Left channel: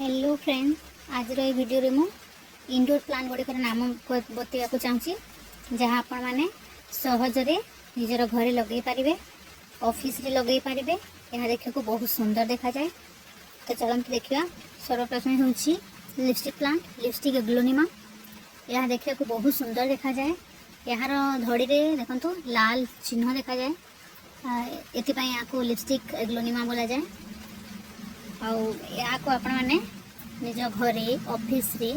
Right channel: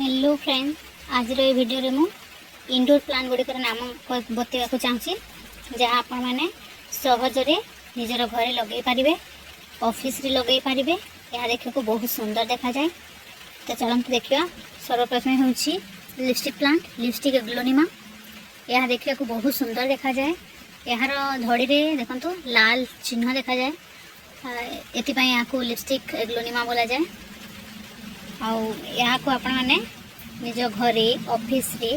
Hello friend, आज ये video रे मु इंडोर प्लांट गुड़िकर नाम बतवा चाहूँगी जहाँ आपण मैंने सहजरे निजर घरे लगे पारे, ऑफिस रे लगे पारे। यह देखा को बहुत सुंदर देखा जाए। तो चलते देखा। सर्वप्रथम हूँ लिपस्टिक प्लांट, लिपस्टिक एग्लोनिमा। यह देखा को बहुत सुंदर देखा जाए। यार धड़ी रे देखो लाल चिन्ह देखा जाए, एपाई यहाँ को लिपस्टिक एग्लोनिमा बोला जाए। यहाँ को आपण मैंने निज घरे, ऑफिस रे,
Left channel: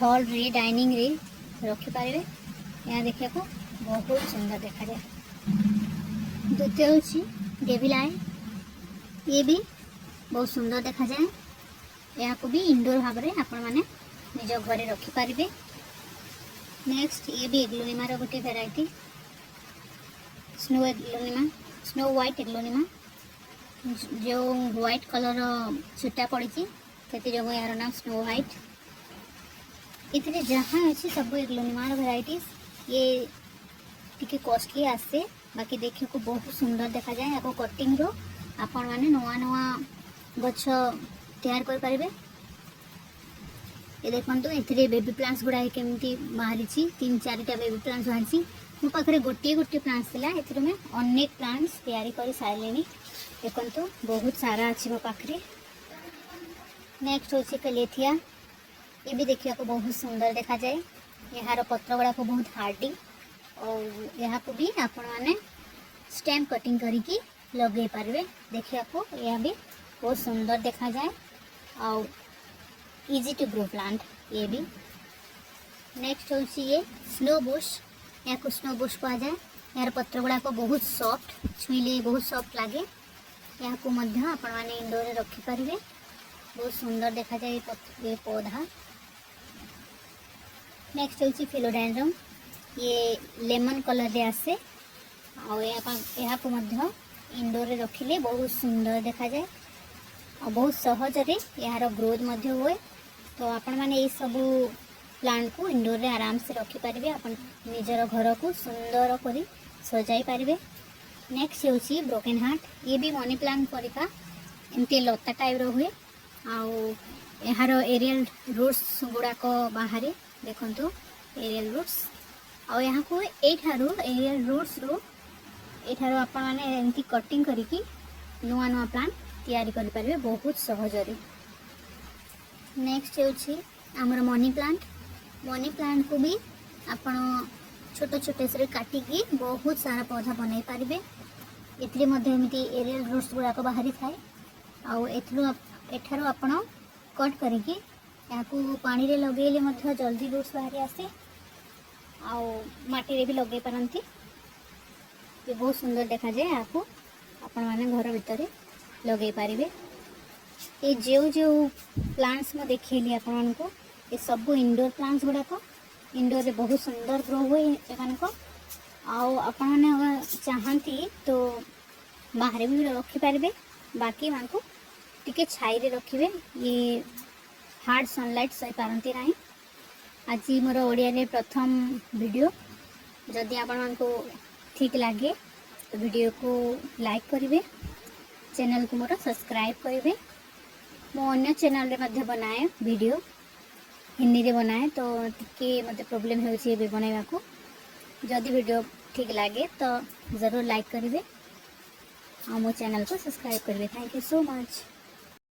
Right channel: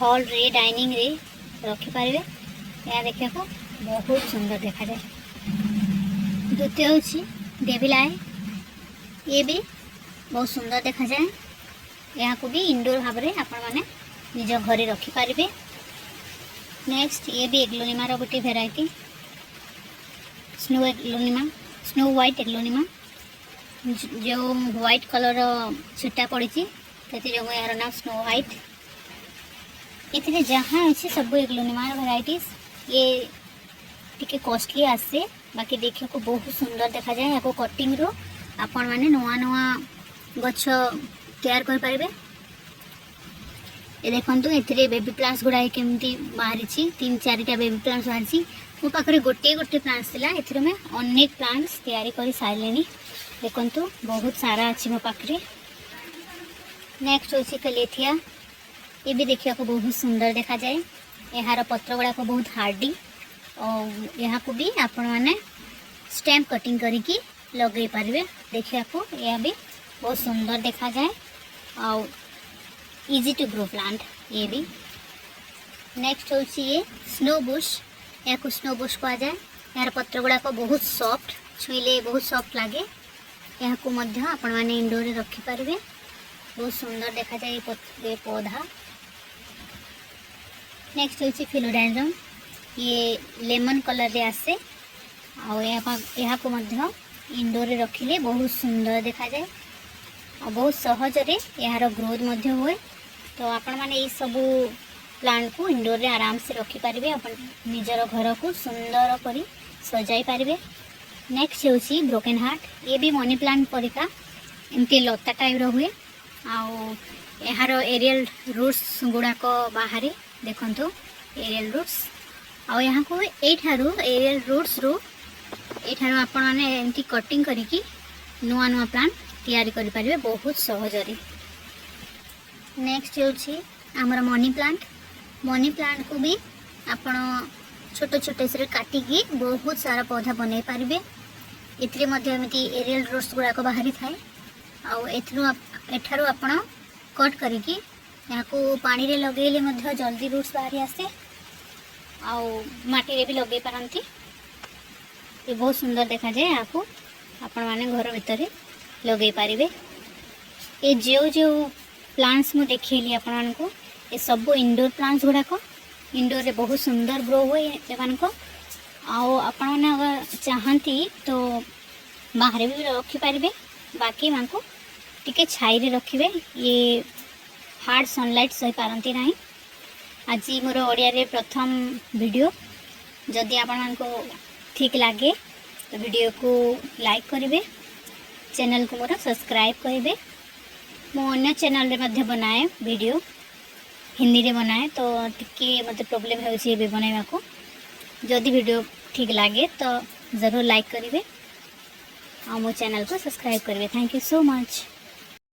हॉल रे, डाइनिंग रे रखिपारे। यह देखा को बहुत सुंदर देखा जाए। द्वितीय हूँ डेविल आई, ये भी बहुत सुंदर देखा जाए। यहाँ को भी इंडोर भाव में आपण मैंने निज घरे रखिपारे। नेक्स्ट ये भी एग्लोनिमा रो गोटे variety, snow aglaonema, snow white aglaonema. जो व्हाइट कलर छिटा पड़ी जो यार नाम स्नो व्हाइट। ये जहाँ अच्छे सब एग्लोनिमार भेराइटीज। ये टिके कॉस्टली आसे, बाकी देखने को बहुत सुंदर देखा जाए। या कटिंग रो आपण मैंने नुआ नुआ गछ तैयार कर पारे। ये देखो ये बेबी प्लांट्स गुड़ाए केमती बाहरी, 3-4टा बेबी प्लांट्स बाहरी। मो पाखे गोटे गोटे प्लांट्स थिला, एथिरो में अनेक प्लांट्स तैयारी कर सारे। देखो बहुत सारा अच्छी मो पाखे। नेक्स्ट हूँ कलेथिया। ये भी देखा को बहुत सुंदर देखा जाए। यार पत्र गुड़ाक बहुत हार्डी और यहाँ को भी आपण मैंने स्टेम कटिंग करके लगे पारे। देखा को यह भी बहुत सुंदर देखा जाए और इजी टू ग्रो प्लांट। ये भी नेक्स्ट हूँ ये स्नो बुश। या को स्नो बुश कह जाए। यार पत्र गुड़ाक बहुत सॉफ्ट, छुईले बहुत सॉफ्ट लगे। यहाँ को मध्य आपण मैंने इंडोर रखिपारे। बहुत सुंदर देखा जाए ये पौधा। नेक्स्ट हूँ फिलोडेंड्रम। ये लेमन कलर रे आसे और यहाँ को मध्य इंडोर रखिले बहुत सुंदर देखा जाए और बहुत सहजरे यार ग्रोथ मध्य हुए। तो आपण मैंने ये सब प्लांट को इंडोर रे आराम से रखिपारे। अपन निजर घर को सुंदर कर सजाई पारे। नेक्स्ट हूँ ब्रोकेन हार्ट। ये भी मनी प्लांट परिका एमती लता टाइप हुए। यार एरियल रूट्स गुड़ाक बाहर देखो एरियल रूट्स। और यहाँ को एरियल रूट्स रो एठार आपण मैंने एमती कटिंग करी नुआ नुआ प्लांट तैयारी करि पारिबे बहुत सहजरे। नेक्स्ट हूँ आमर मनी प्लांट। मनी प्लांट को भी आपण छोटे छोटे से काटिकी बहुत सारा पौधा बन पारे। एमती एरियल रूट्स गुड़ाक बाहरी थाए। एठार आपण कट करिकी यहाँ को पानी रे लगेले मध्य जल्दी रूट्स बाहरी आसे। माटी रे भी लगे पारंती। ये बहुत सुंदर देखा जाए। यहाँ को आपण माने घर भितर लगे पारे। ये जो प्लांट्स मु देखिए आपण को ये सब इंडोर प्लांट्स गुड़ाक इंडोर रे बहुत सुंदर ग्रो हुए। एमान को आपण मैंने अगर चाहती तो बाहर भी रखिपारे। बाकी मान को टिके छाई रे रखिबे। ये हार्ड सनलाइट सही पारंती ना। आज मोर ओडिया रे प्रथम वीडियो। जदि आपण मान को ठीक लगे तो वीडियो को लाइक करेंगे, चैनल को मोर सब्सक्राइब करेंगे। मो अन्य चैनल रे मध्य बनाए वीडियो हिंदी रे बनाए, तो टिके मते प्रॉब्लम होछि भी बनाइबा को। जदि वीडियो ठीक लगे तो ज़रूर लाइक करेंगे और मो चैनल को सब्सक्राइब करेंगे। Thank you so much.